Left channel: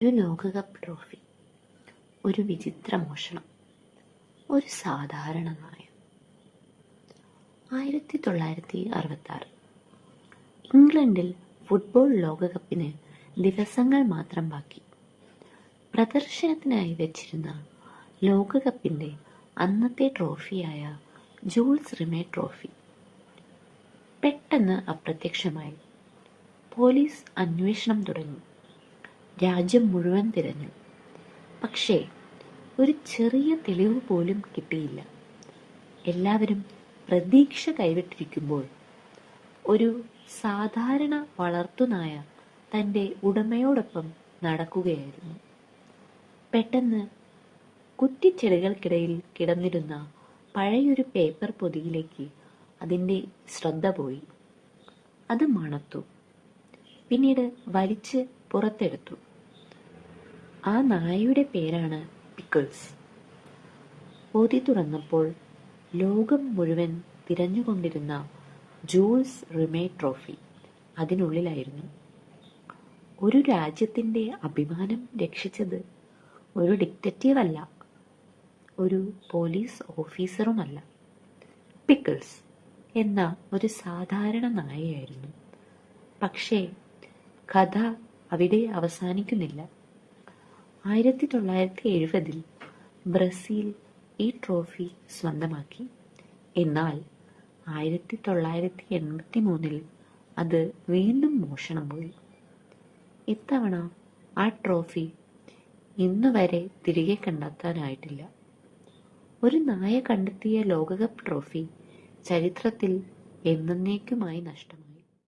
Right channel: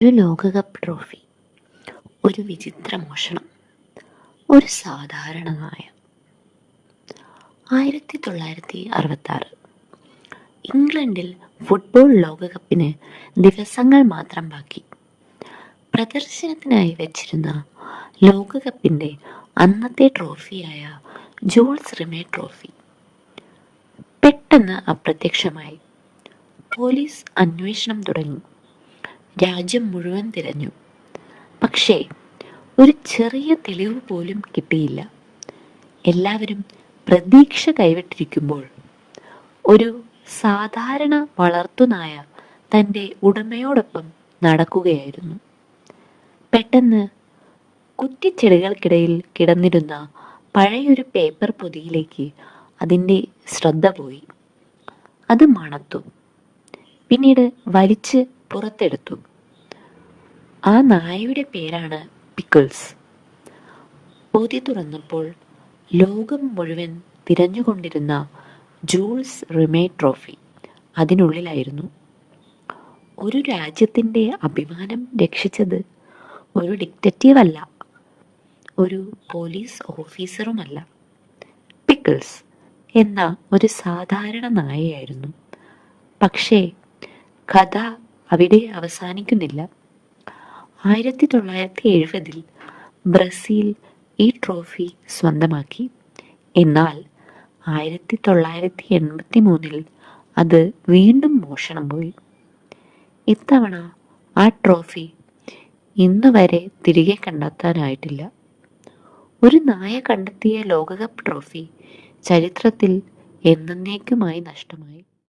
ഒരു ലോകകപ്പ് ട്രോഫി, ഒരു വിചിത്ര മോഷണം, ഒരു സാധാരണ നായ. 1966 ഇംഗ്ലണ്ടിൽ ഫുട്ബോൾ ലോകകപ്പിന് ദിവസങ്ങൾ മാത്രം ബാക്കി. പ്രദർശനത്തിനായി വെച്ചിരുന്ന ലോകകപ്പിൻ്റെ അന്നത്തെ ട്രോഫിയായ ജൂൾസ് റിമേ ട്രോഫി പെട്ടെന്ന് അപ്രത്യക്ഷമായി. പോലീസ് അന്വേഷണം തുടങ്ങി. രാജ്യം മുഴുവൻ തിരഞ്ഞു. പക്ഷേ ഒരു ചെറിയ തെളിവ് പോലും കിട്ടിയില്ല. എല്ലാവരും പ്രതീക്ഷ കൈവിട്ടിരിക്കുമ്പോൾ ഒരു സാധാരണ വളർത്തുനായ തൻ്റെ ഉടമയോടൊപ്പം നടക്കുകയായിരുന്നു. പെട്ടെന്ന് കുറ്റിച്ചെടികൾക്കിടയിൽ കിടന്നിരുന്ന പഴയൊരു പേപ്പർ പൊതിയിലേക്ക് അതിൻ്റെ ശ്രദ്ധ പോയി. അത് മണത്തു. പിന്നീട് വലിച്ച് പുറത്തെടുത്തു. ആ നായയുടെ പേരാണ് പിക്കിൾസ്. പൊതി തുറന്നപ്പോൾ ലോകം മുഴുവൻ തിരഞ്ഞുകൊണ്ടിരുന്ന ജൂൾസ് റിമേ ട്രോഫി അതിനുള്ളിലായിരുന്നു. ഒരു രാജ്യത്തിൻ്റെ അഭിമാനം രക്ഷിച്ചത് ഒരു ഡിക്റ്റേറ്റീവ് അല്ല, ഒരു പോലീസ് ഓഫീസറുമല്ല, പിക്കിൾസ് എന്ന ഒരു സാധാരണ നായയായിരുന്നു. പക്ഷേ കഥ അവിടെ അവസാനിക്കുന്നില്ല. 1970 ബ്രസീൽ ഈ ട്രോഫി സ്വന്തമാക്കി. എന്നാൽ 1983 അത് വീണ്ടും മോഷണം പോയി. ഇത്തവണ ആ ട്രോഫി ഇന്ന് വരെ തിരികെ കണ്ടെത്താനായിട്ടില്ല. ഒരു നായ കണ്ടെത്തിയ ലോകകപ്പ് ട്രോഫി ചരിത്രത്തിൽ എന്നേക്കുമായി നഷ്ടമായി.